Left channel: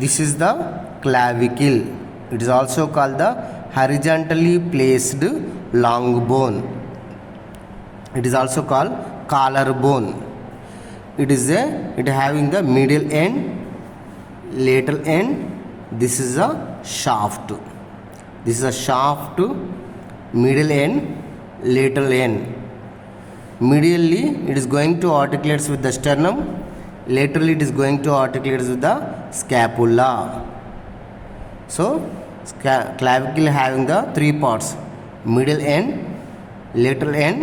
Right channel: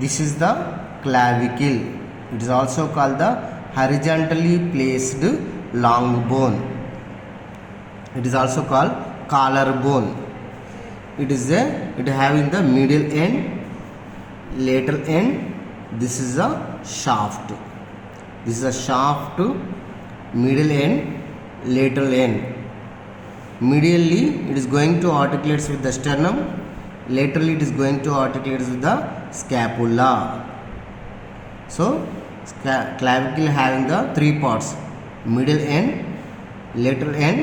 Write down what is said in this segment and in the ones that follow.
This is the clavicle. It is also called the horizontally placed long bone. It is also called collarbone. It having the middle end, lateral end. This is a shaft. This is a shaft, middle end, lateral end. Medially it is going to articulate with the sternum. Laterally it is going to articulate with the scapula. So clavicle having the three parts: middle end, lateral end.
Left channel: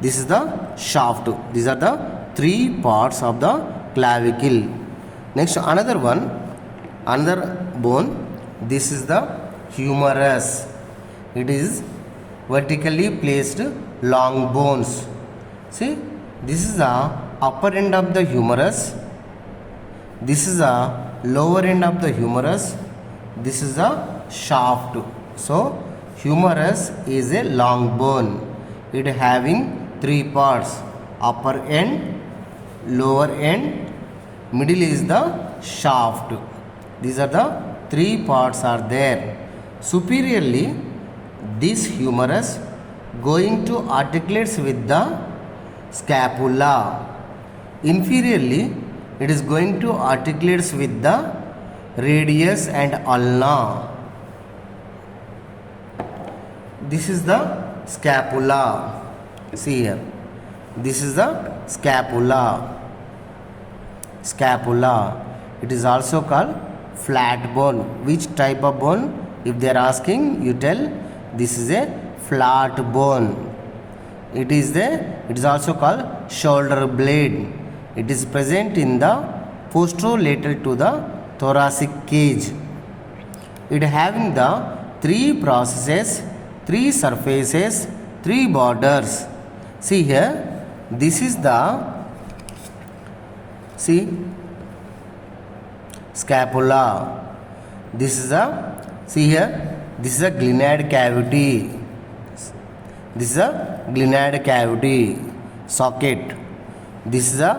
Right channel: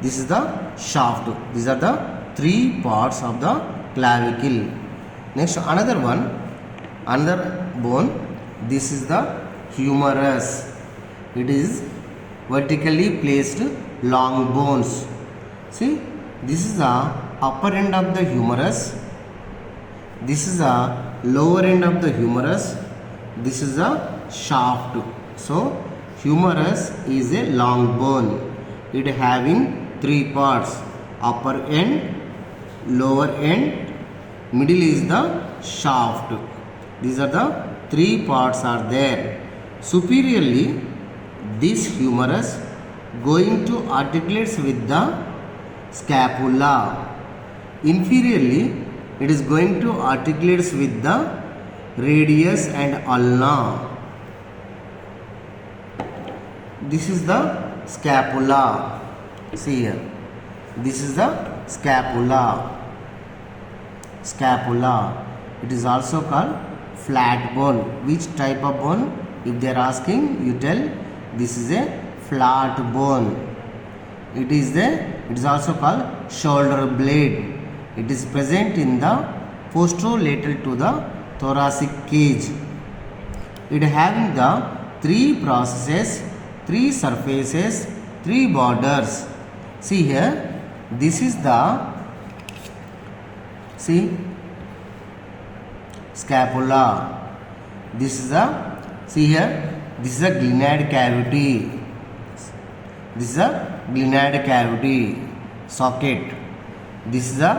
This is the shaft. These are the three parts of the clavicle. Next, another bone. This is the humerus. It is vertically placed long bones. See, this is the upper end of the humerus. This is the lower end of the humerus. This is the shaft. So humerus is a long bone. It having three parts: upper end, lower end, middle is the shaft. These are the three parts are there. Superiorly, this humerus going to articulate with the scapula. Inferiorly, it is going to articulate with the radius and ulna. This is the scapula. See here. This is the scapula. It is also called flat bone. Which type of bone? If they are asking, you tell this is a flat bone. It is also called shoulder blade. It is present in the posterolateral to the thoracic cage. It having the three processes, three surfaces, three borders. See here, this is the scapula. This is the this is a glenoid cavity. This is a glenoid cavity socket. This is a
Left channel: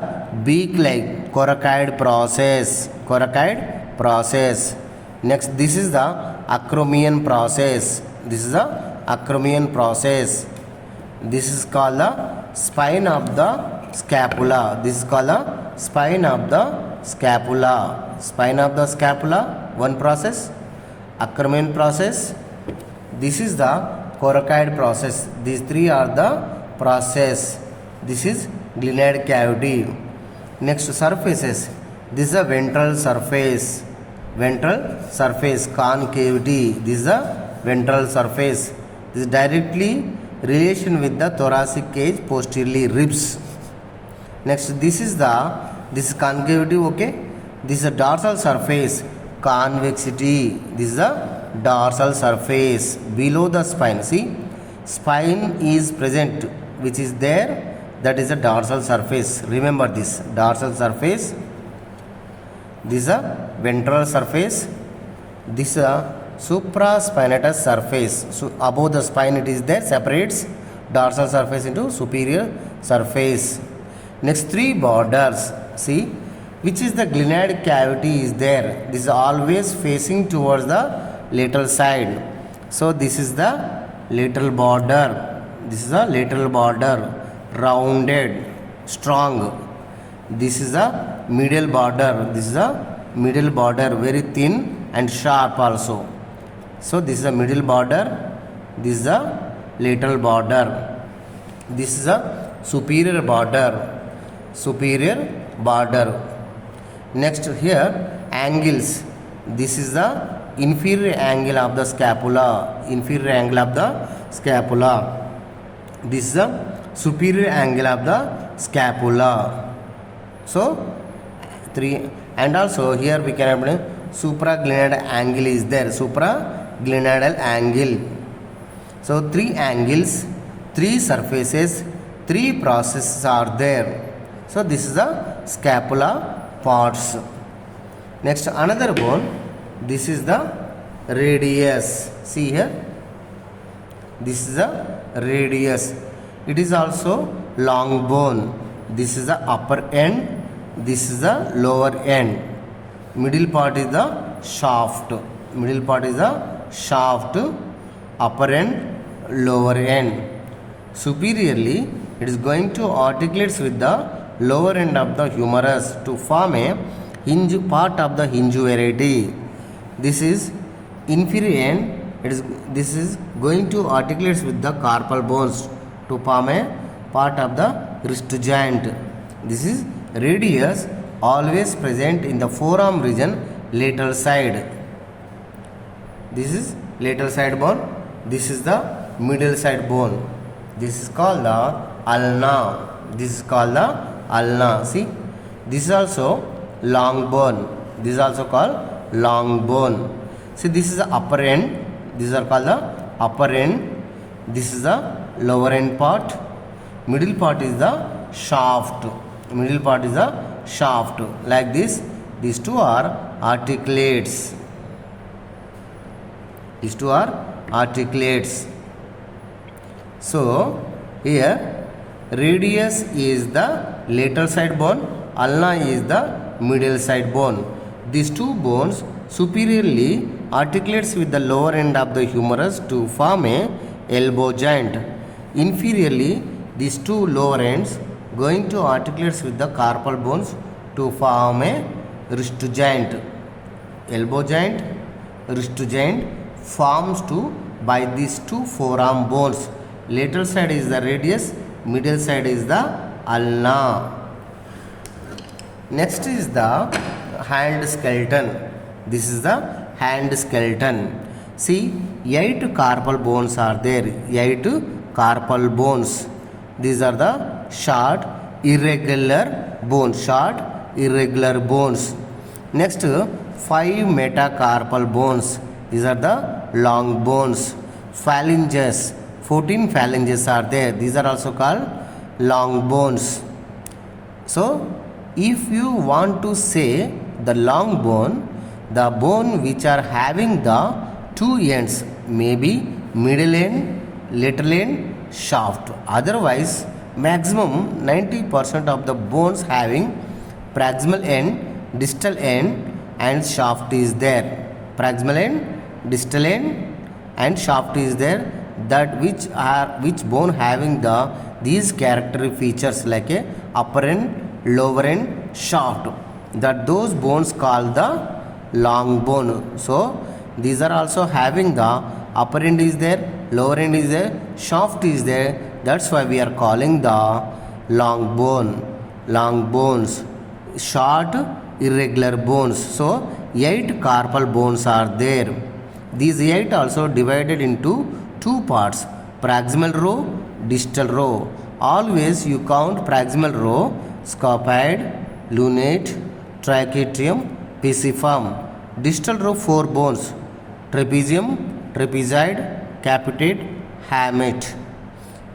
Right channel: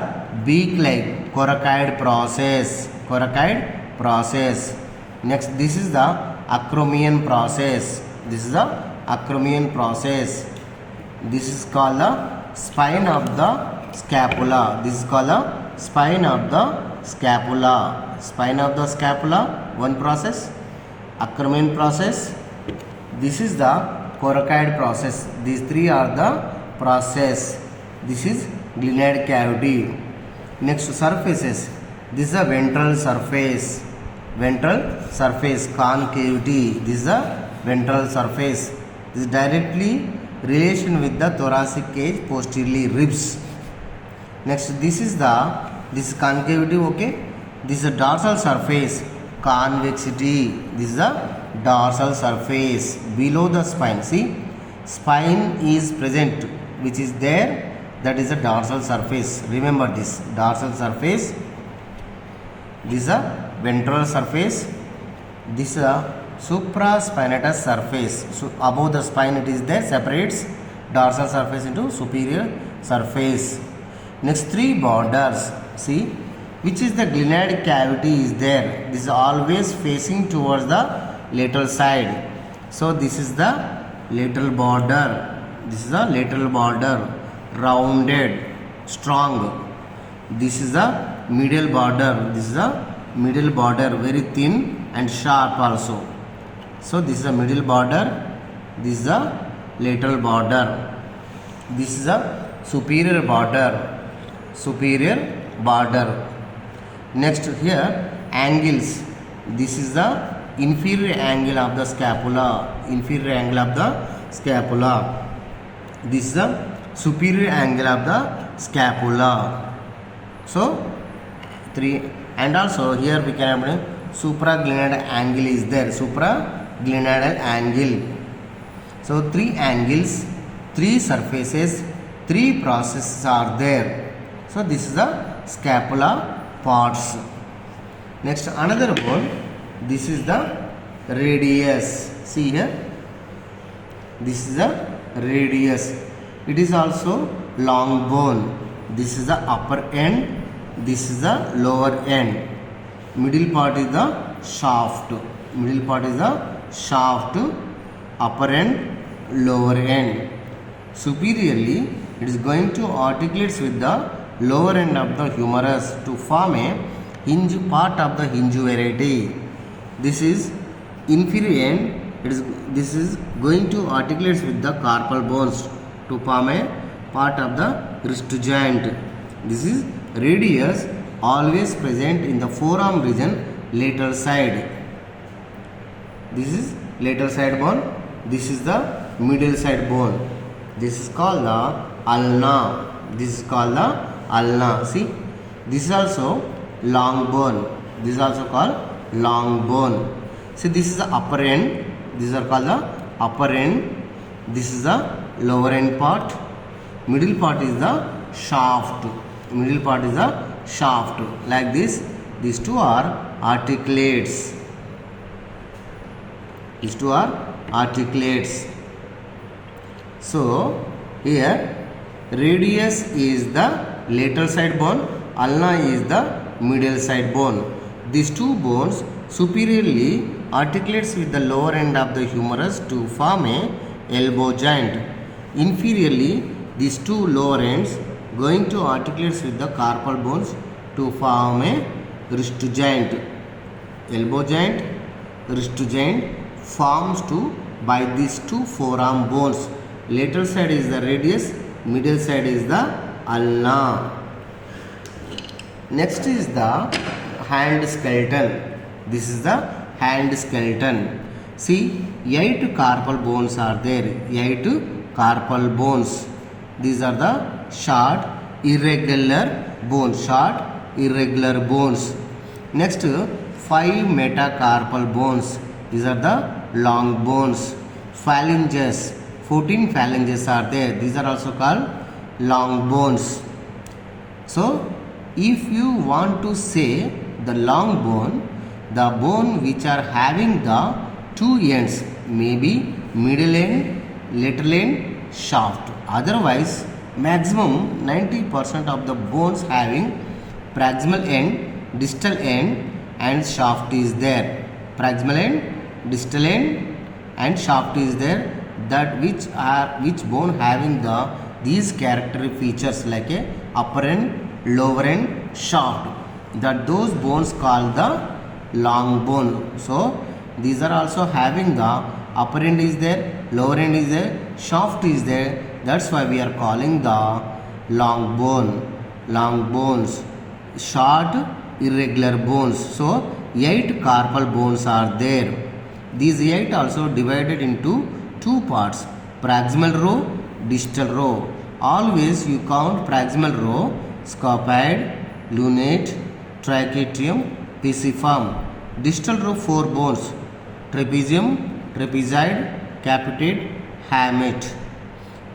beak-like coracoid process. Next, this is the acromion process. This is called the spine of the scapula. Spine of the scapula, one process. Acromion process. This is the coracoid process. These three are the process. This is glenoid cavity. Next, surfaces. This is a ventral surface concavity. This is a ventral surface. This is directly relation with the thoracic cage, posteriorly ribs. Next, this is concavity. Okay, this is a dorsal surface, convexity. This is a dorsal surface below the spine. See, spine is present, which is there. That is a dorsal surface. Remember this dorsal surface. This is a ventral surface. This is a supraspinatus surface. So above the spine it is there, separates dorsal surface into superior surface. Next, three borders. See, which is the glenoid cavity is there. This is always facing towards the lateral side. So this is the lateral border. Rounded, strong. This is the medial border. Very thin and sharp also. So this is the middle border. This is the lateral border. This is the superior border. Next, here angles. This is the inferior angle of the scapula. This is the superior angle of the scapula. So three, and also here we can have supraglenoidal angle is there. Supraglenoidal angle. So three angles, three surfaces, three processes are there. So this is the scapula parts. Next, another bone. This is the radius. See here. This is the radius. It is also long bone. This is the upper end. This is the lower end. middle part is the shaft. Middle part is the shaft, upper end, lower end. Superiorly, it is going to articulate with the lower end of the humerus to form a hinge part of the hinge variety. This is inferior end. This is going to articulate with the carpal bones to form a part of the wrist joint. This is radius, always present in the forearm region, lateral side. This is lateral side bone. This is the middle side bone. This is called the ulna. This is called the ulna. See, this is also long bone. This is also called long bone. See, this is the upper end. These are called the upper end. This is the lower end part. Middle part is the shaft. Middle part is the shaft. Like this, these two are articulates. These two are articulates. So here radius is the lateral side bone, ulna is the middle side bone. These two bones superiorly articulates with the lower end of the humerus to form a elbow joint. Inferiorly, these two lower ends going to articulate with the carpal bones to form a wrist joint. Elbow joint, wrist joint forms by these two forearm bones. Lateral side is the radius, middle side is the ulna. Next is the hand skeleton. This is the hand skeleton. See, 8 carpal bones are there. 8 carpal bones. These are the short, irregular bones. Short, irregular bones. Next, 5 metacarpal bones. These are the long bones. Phalanges. 14 phalanges are there. These are also called long bones. So, if you want to say the long bone, the bone which are having the two ends, maybe middle end, lateral end, shaft. Otherwise, maximum 90% of the bones having proximal end, distal end and shaft is there. Proximal end, distal end and shaft is there. That which bone having these character features like a upper end, lower end, shaft. That those bones called the long bone. So these are also having the upper end is there, lower end is there, shaft is there. That's why we are calling the long bone. Long bones, short irregular bones. So 8 carpal bones are there. These 8 also divided into 2 parts, proximal row, distal row. Always you count proximal row, scopoid, lunate, tracheatrium, pisiform. Distal row 4 bones, trapezium, trapezoid, capitate, hamate.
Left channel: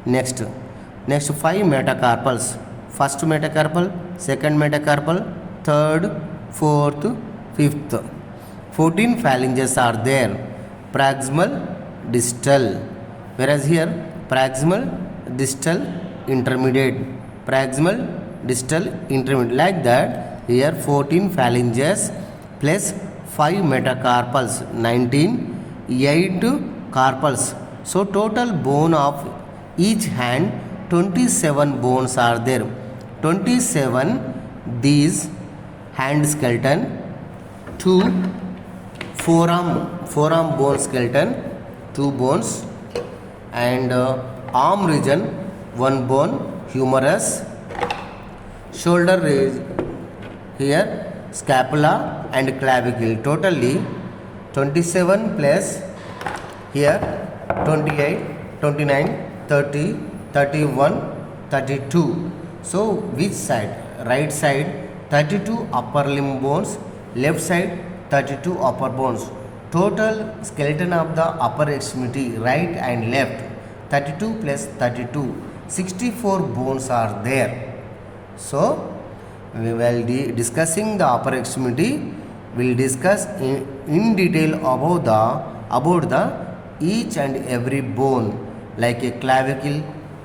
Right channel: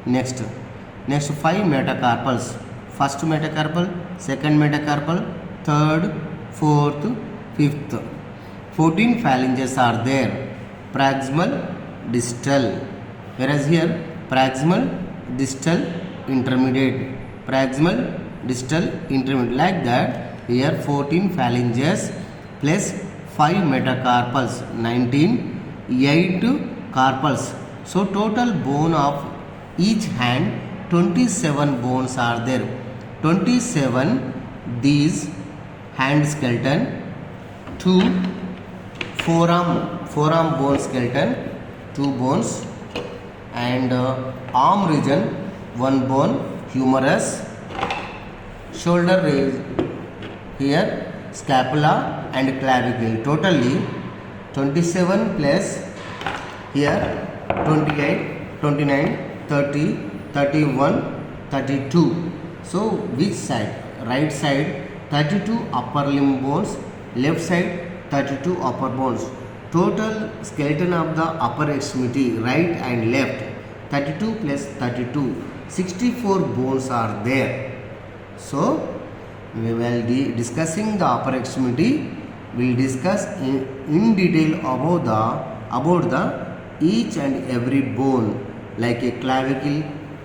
Next 5 metacarpals. First metacarpal, second metacarpal, third, fourth, fifth. 14 phalanges are there. Proximal, distal. Whereas here proximal, distal, intermediate. Proximal, distal, intermediate. Like that, here 14 phalanges plus 5 metacarpals, 19, 8 carpals. So total bone of each hand, 27 bones are there. 27 these hand skeleton, 2 forearm bone skeleton, 2 bones, and arm region 1 bone, humerus, shoulder is here, scapula and clavicle. Totally 27 plus here 28, 29, 30, 31, 32. So which side? Right side 32 upper limb bones, left side 32 upper bones. Total skeleton of the upper extremity, right and left, 32 plus 32, 64 bones are there. So we will be discussing the upper extremity. We will discuss in detail about the each and every bone, like a clavicle,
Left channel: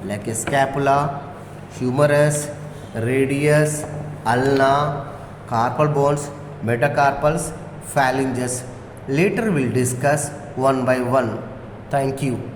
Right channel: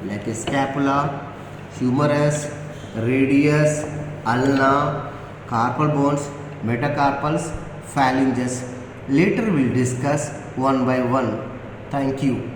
like a scapula, humerus, radius, ulna, carpal bones, metacarpals, phalanges. Later we'll discuss one by one. Thank you.